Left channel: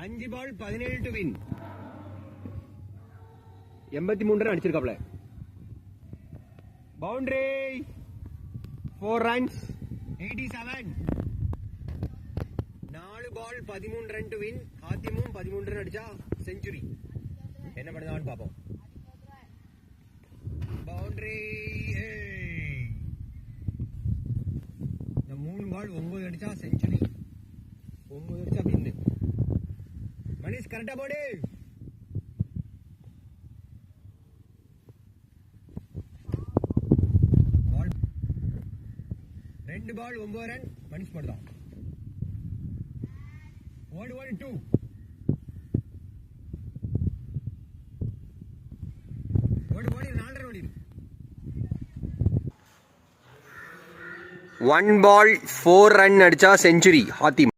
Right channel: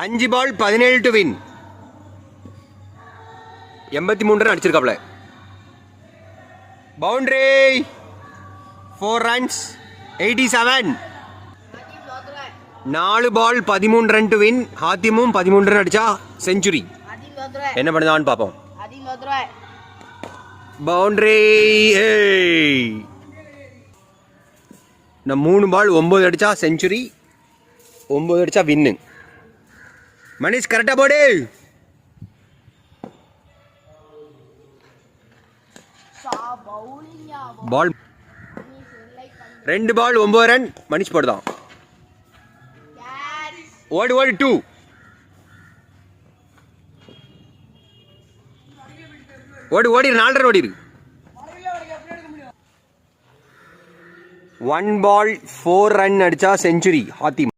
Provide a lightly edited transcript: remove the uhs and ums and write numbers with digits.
5 ball 17 to win. 83 run அடிச்சிருக்காப்ல. Boundary 4 runs 87. 4 ball 13 run to win. ஹாத்திமும் 13 run அடிச்சா century. என்ன பண்ணுதான்னு பார்ப்போம். பவுண்டரி. நான் 3 பால் 9 அடிச்சா செஞ்சுரி, 9 அடிச்சா வின்னு. மனிஷ் கரெக்டா போடு. பால் 2 பால் 9 ரன். மனிஷ் போடுதான். ஓடு 2. ஓடி 4 ரன் ஓடிரு. 1 பால் 4 ரன் அடிச்சா செஞ்சுரி ஹாத்திம்.